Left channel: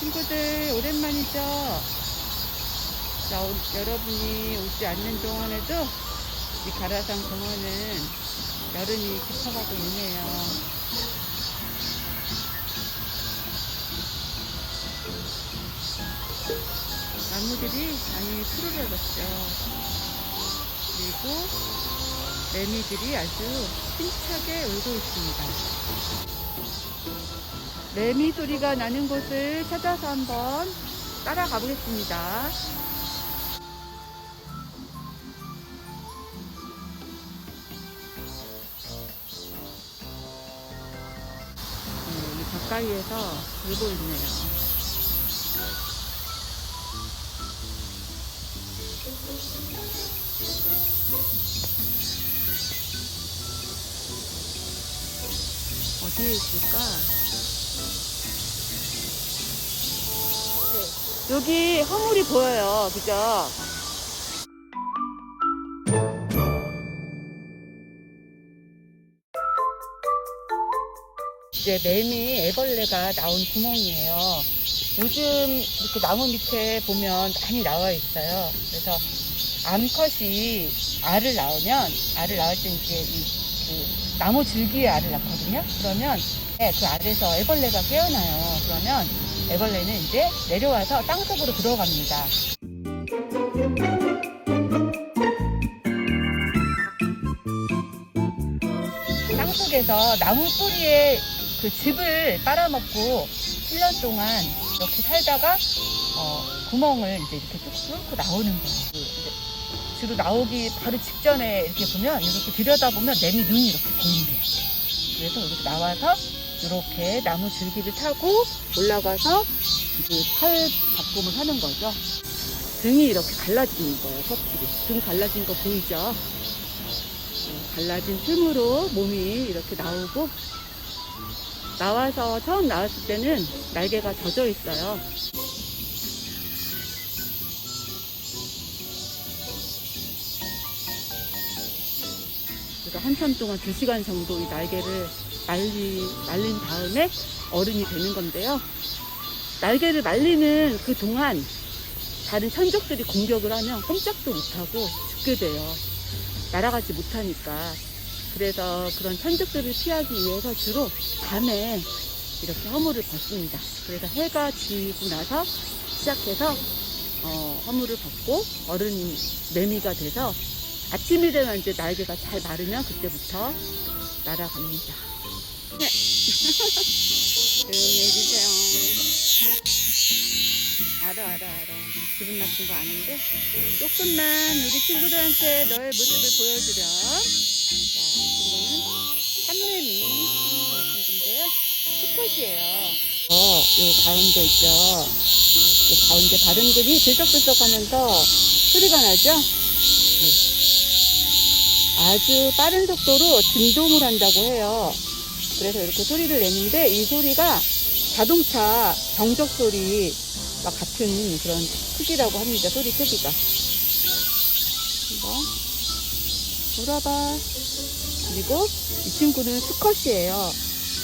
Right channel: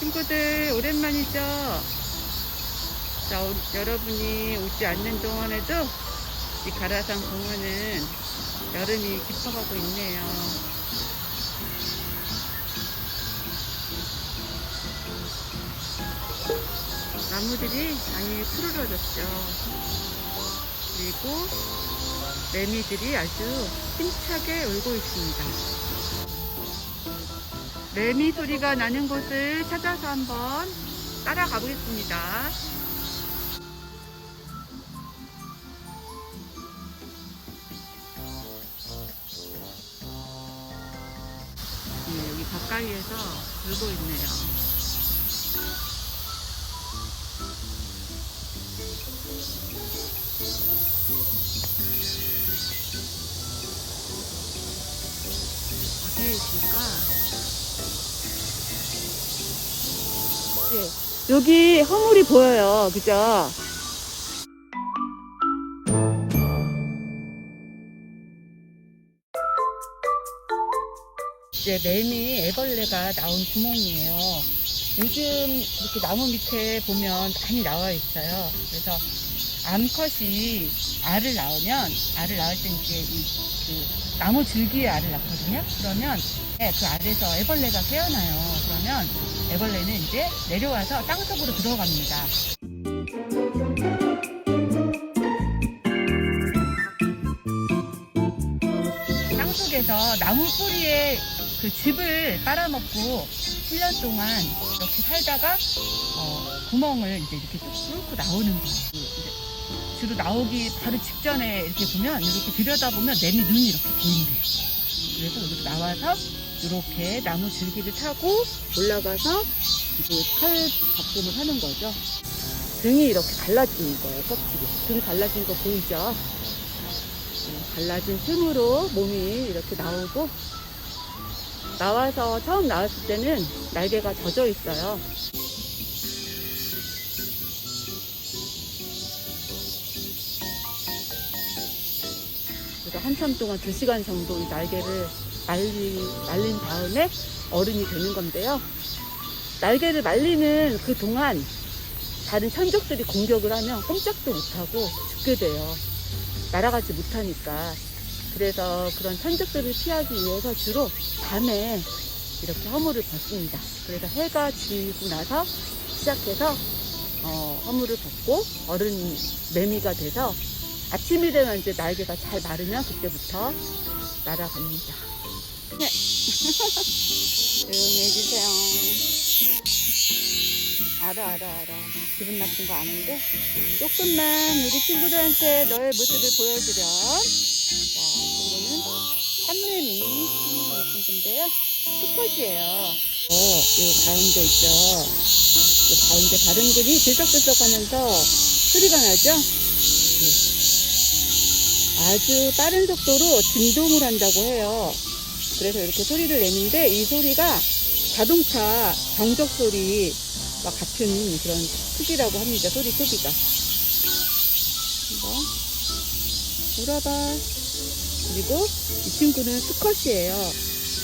친구들 오랜만이죠? 자, 우- 여러분이 오지 않는 동안에도 이 가라산 공원은 여름이 깊어가고 있네요. 나무들이 많이 푸르러졌죠. 그리고 매미들이 아주 힘차게 울고 있습니다. 매미 소리가 나는 곳을 찾아서 한번 따라가 보겠습니다. 네, 여기 가까이에서 울고 있네요. 어디에 있을까? 여기 허물이 보여요. 그죠? 이제 매미 애벌레가 나온 구멍이에요. 요즘 이렇게 나무 밑에 보면 많이 나와 있어요. 그래서 암컷이 알을 낳으면 알을 낳을 때 이렇게 이, 그 나무 줄기에 알을 낳거든요. 그러면 네, 그 알에서 애벌레가 깨어나요. 그러면 애벌레는 이제 내려와서 땅속으로 들어갑니다. 땅속에서 나무 뿌리에 그 즙을 빨아먹고 7년 동안 이렇게 살다가 어, 구멍을 이제 이렇게 뚝 뚫고 나오는 거예요. 주로 나오기 바로 직전에 이렇게 보면 이렇게 들여다보면 매미 눈이 이렇게 보인대요. 그래서 이렇게 나와서 이렇게 나무 줄기를 타고 올라가서 이제 털 잡금을 하는 거죠. 등이 이렇게 갈라지는 거예요, 껍질이. 등 갈라진 거 보이죠? 네, 갈라진 틈으로 몸이 이렇게 나오고 나와서 처음 나왔을 때는 날개가 젖어 있어요. 그래서 한참 동안 2시간 정도 이 날개를 말리, 말린 다음에 어른이 되는 건데요. 날개를 말리는 그 동안 다른 천적들이 공격을 하면 꼼짝도 못하고 죽게 돼요. 날아가지 못하니까. 그래서 그런 천적들을 피하기 위해서 주로 밤에 이렇게 허물을 벗습니다. 그래서 해가 지고 나서 시작해서 어, 허물을 벗고 어른 매미가 돼서 아침이 되면 이제 날개가 잘 마르면 그때부터 날아갑니다. 네. 조용히 해주세요. 알아, 알아, 알아. 기분 나쁜 거 아는데? 조금만 우리 친구들한테 너의 모습을 보여주렴. 자, 이거는 한매미 친구인데요. 수컷이에요. 어, 이 가운데 있죠. 이 가운데 바른근이 들썩들썩 하면서 소리가 나죠? 네. 아주 빠른 속도로 진동을 한다고 해요. 그래서 이렇게 소리를 내는데 이 소리가 자동차 정적 소리 와 같은 그런 크기라고 합니다. 소리 크기가. 한번 물어봐. 그리고 이 친구는 수컷이에요.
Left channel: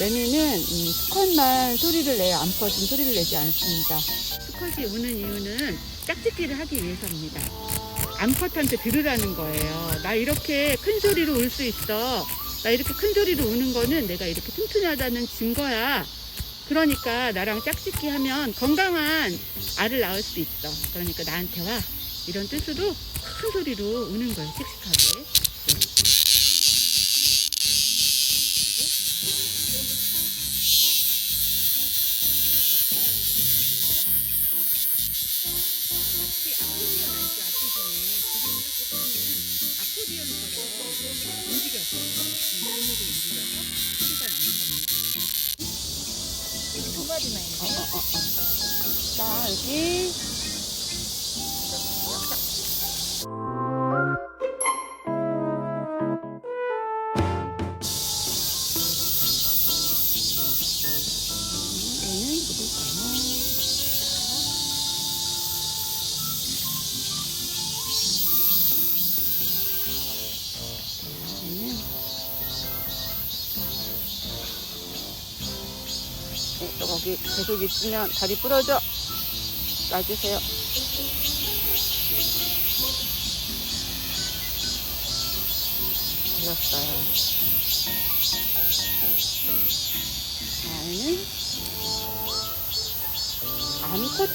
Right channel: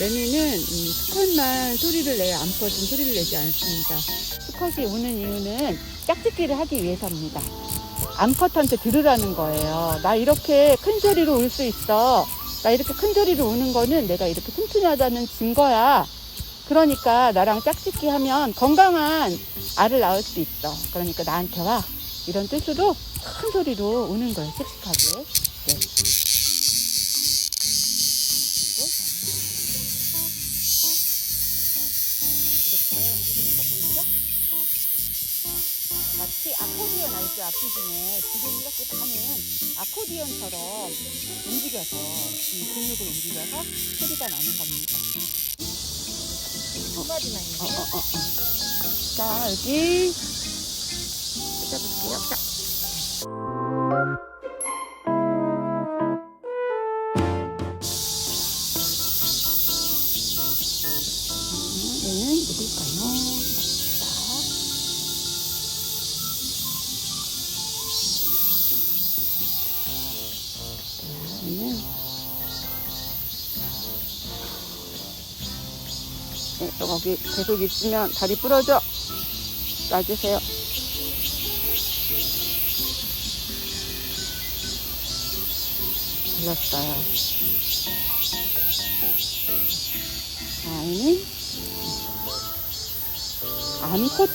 매미는 음, 수컷만 소리를 내요. 암컷은 소리를 내지 않습니다. 수컷이 우는 이유는 짝짓기를 하기 위해서입니다. 암컷한테 들으라는 거예요. 나 이렇게 큰 소리로 울 수 있어. 나 이렇게 큰 소리로 우는 거는 내가 이렇게 튼튼하다는 증거야. 그러니까 나랑 짝짓기 하면 건강한 알을 낳을 수 있어. 그러니까 나한테 와. 이런 뜻으로 큰 소리로 우는 거예요. 씩씩하게. 네. 악기 중에 지금 이렇게 가는 아코디언처럼 움직여서 이 근육을 움직여서 소리가 나는 겁니다. 두 마리 어. 자, 여기. 거기 계속 있으면 다리 부러져. 놔주세요. 걸렸어요. 아이는 암컷,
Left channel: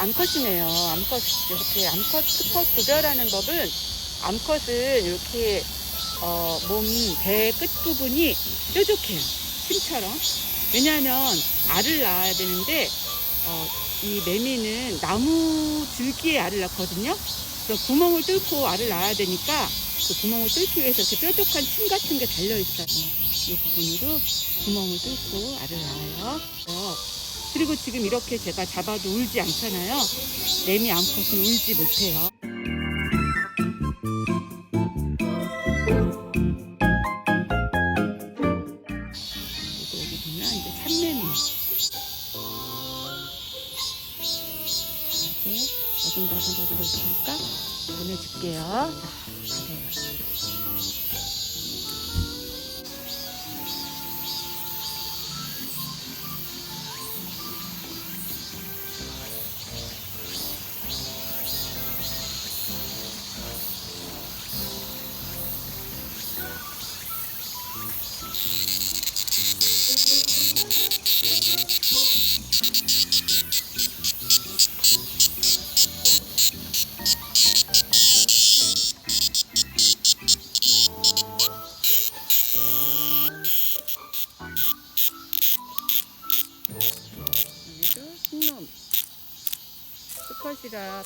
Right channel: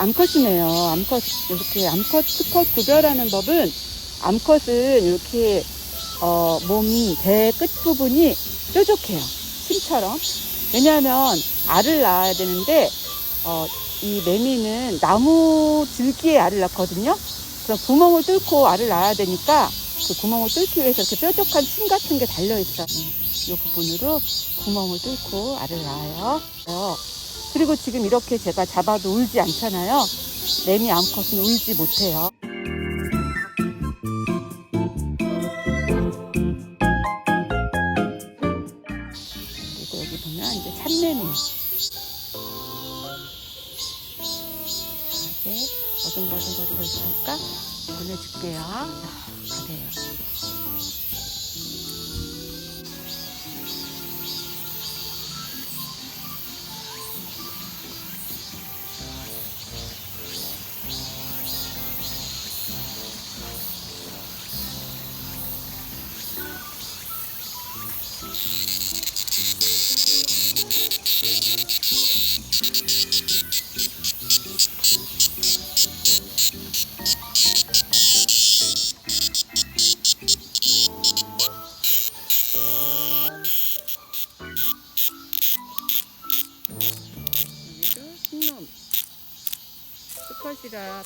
암컷이네요. 암컷, 이렇게 암컷, 수컷 구별하는 법은 암컷은 이렇게 어, 몸, 배 끝부분이 뾰족해요. 심처럼. 왜냐하면 알을 낳아야 되는데, 어, 이 매미는 나무 줄기에 알을 낳거든요. 그럼 구멍을 뚫고 알을 낳아야 되니까 그 구멍을 뚫기 위해서 이렇게 뾰족한 침 같은 게 달려 있어요. 이 부분으로 구멍을 뚫고 알을 낳아요. 어, 그리고 지금 이렇게 제가 잡아도 울지 않잖아요. 매미 암컷은 울지 못해요. 보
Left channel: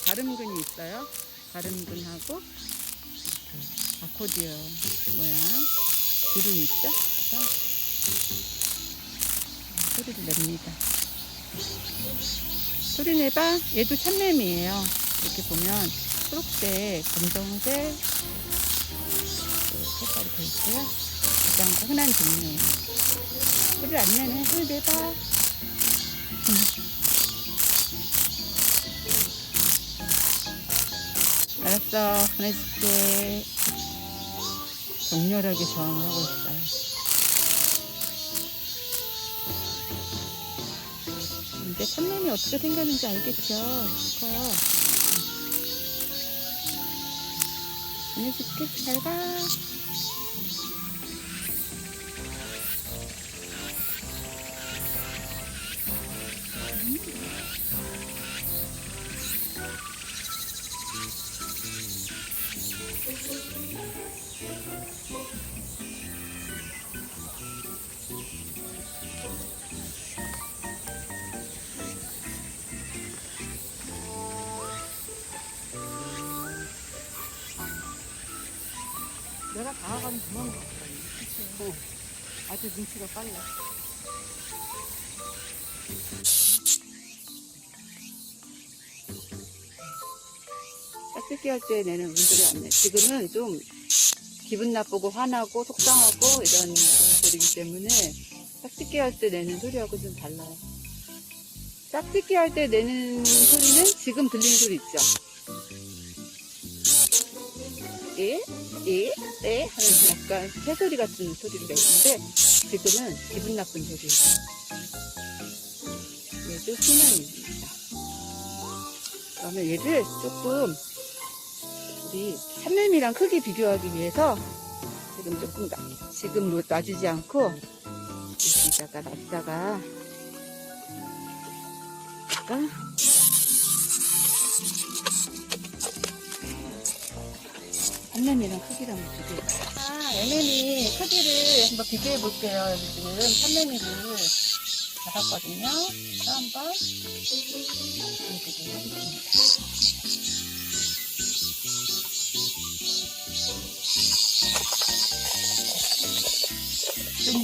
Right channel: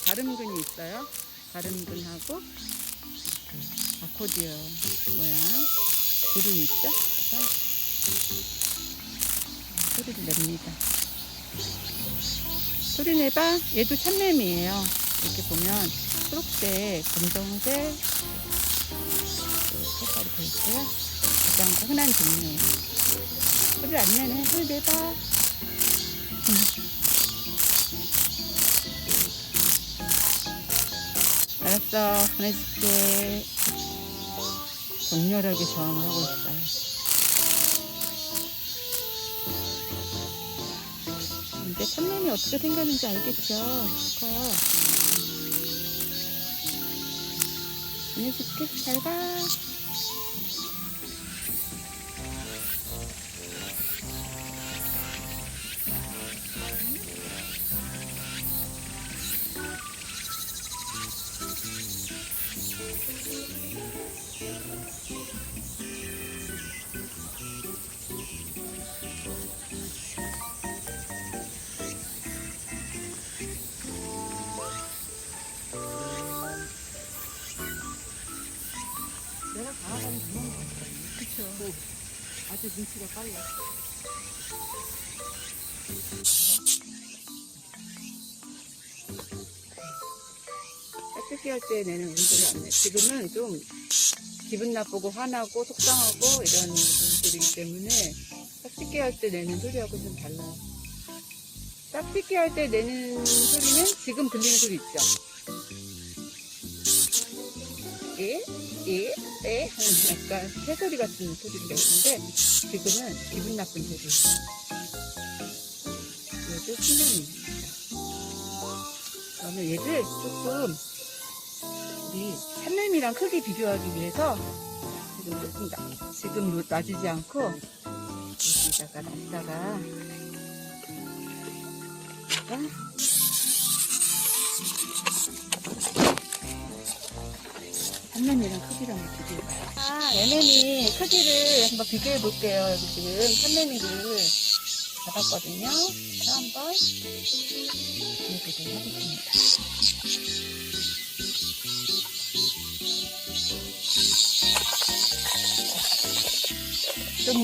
가름근이 있어요. 가름근하고 이렇게 아코디언 모양 주름이 있죠. 그래서 소리를 냅니다. 소리 내봐. 얘도 참매미예요. 이렇게 보면 초록색, 검정색 그 색깔이 돼 있고요. 가장 흔한 종류예요. 소리를 안 내네. 소리 내봐. 알았어, 보내줄게. 격렬하게 저항을 하고 있어요. 이제 참돔이 어떻게 생겼는지 알겠죠? 커. 보내줄게. 잘 가. 다가가면 도망가거든요. 그쵸. 아주 눈치가 빨라. 깍두기 할 때 내는 울지 않네. 지금은 좀 기분 나쁘고 화나고 속상하고 이런 것들이기 때문에 깍두기 할 때 내는 소리하고 좀 달라요. 깍두기 할 때 내는 소리는 지금 들리는 소리 있죠? 예? 예? 네? 하는 약간 새소리 같은 소리가 있는데 지금은 기분 나쁜 소리. 얘도 수면입니다. 그러면 얘를 조금 우리 산림이랑 크게 비교하기 위해서 지금 조금 나, 지금 뭐 놔주지 않고 여기다가 놨다가 여기다가 비교해요. 아, 애매미 크기를 한번 비교해 볼게요. 여기 지금 산림이를 잡았거든요. 그래서 한번 비교해 보겠습니다. 좀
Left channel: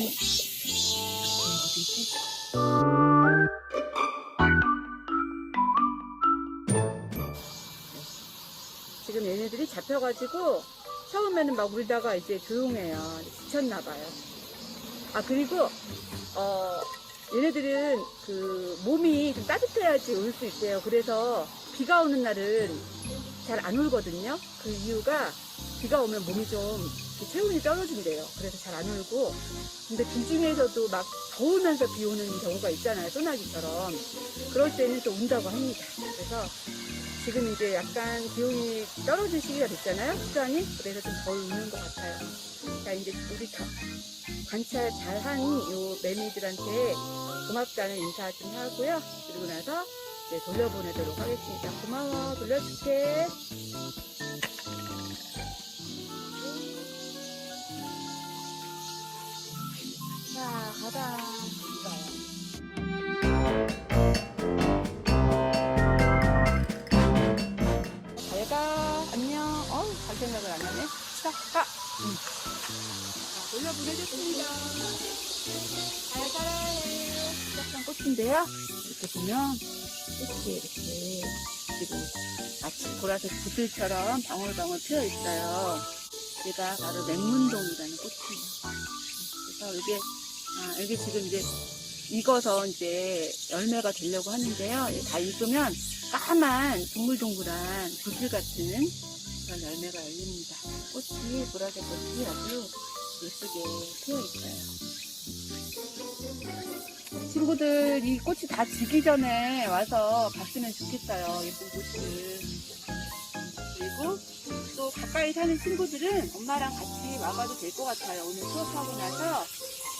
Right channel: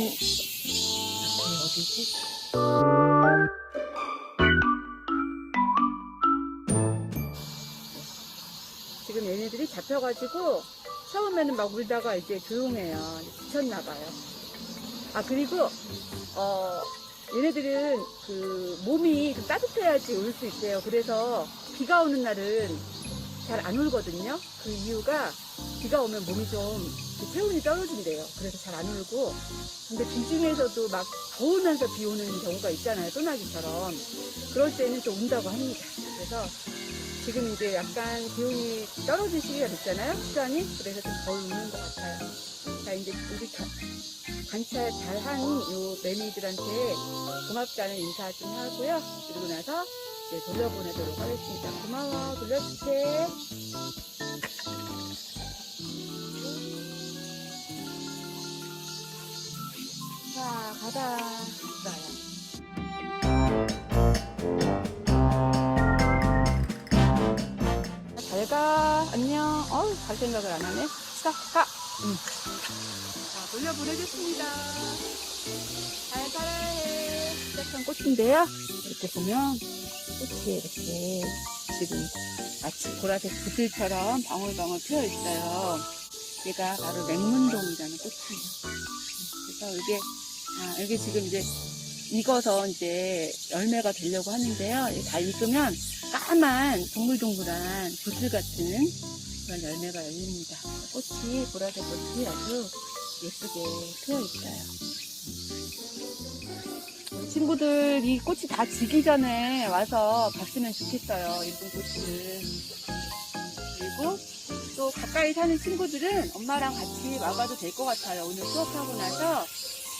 어디지? 지금 얘네들이 잡혀가지고 처음에는 막 울다가 이제 조용해요. 지쳤나 봐요. 아 그리고 어 얘네들은 그 몸이 좀 따뜻해야지 울 수 있대요. 그래서 비가 오는 날은 잘 안 울거든요. 그 이유가 비가 오면 몸이 좀 체온이 떨어진대요. 그래서 잘 안 울고. 근데 그 중에서도 막 더우면서 비 오는 경우가 있잖아요. 소나기처럼. 그럴 때는 또 운다고 합니다. 그래서 지금 이제 약간 기온이 떨어질 시기가 됐잖아요. 수량이. 그래서 좀덜 우는 것 같아요. 자, 이제 우리 가- 관찰 잘한 요 매미들한테 고맙다는 인사 좀 하고요. 그리고 나서 이제 돌려보내도록 하겠습니다. 고마워. 돌려줄게. 자, 가자. 자, 돌려보내겠습니다. 잘 가요. 시작한 꽃인데요. 이렇게 보면 꽃이 이렇게 지금 마치 보라색 구슬처럼 방울방울 피어 있어요. 얘가 바로 맹문동이라는 꽃이에요. 그래서 이게 아, 여기 지금 이제 익어서 이제 열매가 되려고 하는데요. 이다 익으면 까만 동글동글한 구슬 같은 그런 열매가 열립니다. 꽃이 보라색 꽃이 아주 예쁘게 피어 있어요. 친구들 이 꽃이 다 지기 전에 와서 봤으면 좋겠어요. 이쁜 꽃을. 그리고 또 가까이 사는 친구들은 엄마랑 같이 와봐도 될 것 같아요. 오늘 수업하고 나서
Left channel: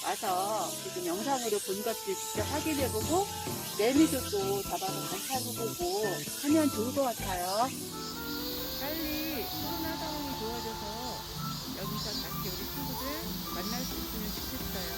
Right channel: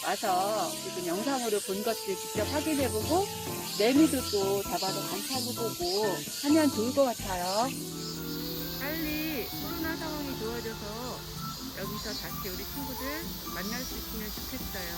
와서 지금 영상으로 본 것들 직접 확인해보고 매미도 또 잡아서 관찰해보고 하면 좋을 것 같아요. 빨리 코로나 상황이 좋아져서 여기서 다시 우리 친구들 만날 수 있으면 좋겠어요.